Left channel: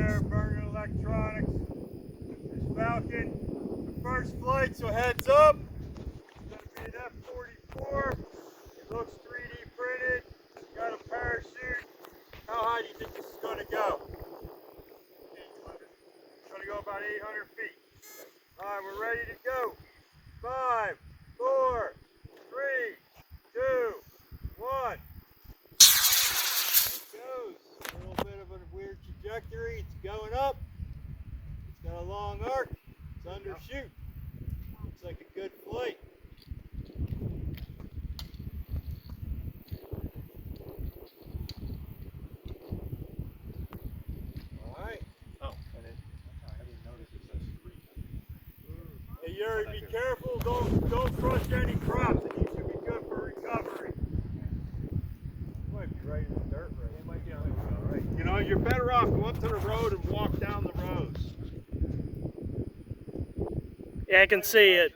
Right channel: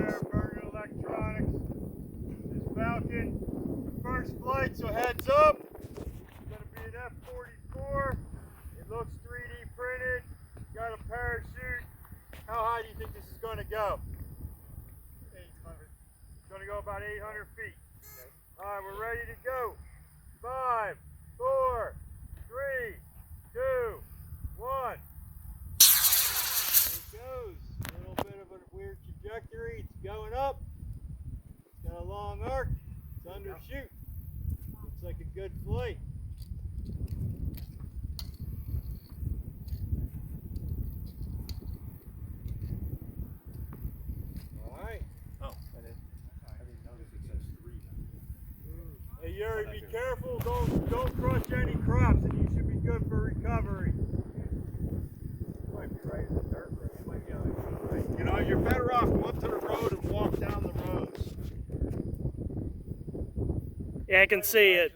there, Burger Electronics. There's Falcon. The first flight, so heads up. It's going to be an F44. It looks 3D printed. It's got a parachute. How high do you think this is going to go? 800. It's going to go about 800 feet. All right, we're ready to go. 5, 4, 3, 2, 1. There it goes. A little bit of a weird trajectory. It's going up. It's got a long arc. It's undershoot. Looks like a good flight. All right. Oh, I didn't notice it says 3. Hey Yuri, be careful. Don't crush any crops. It should be good for recovery. You might be right in the dirt road. It might be on the road. You know, you're better off go up to the road and walk down the roads. Yeah, I can see it.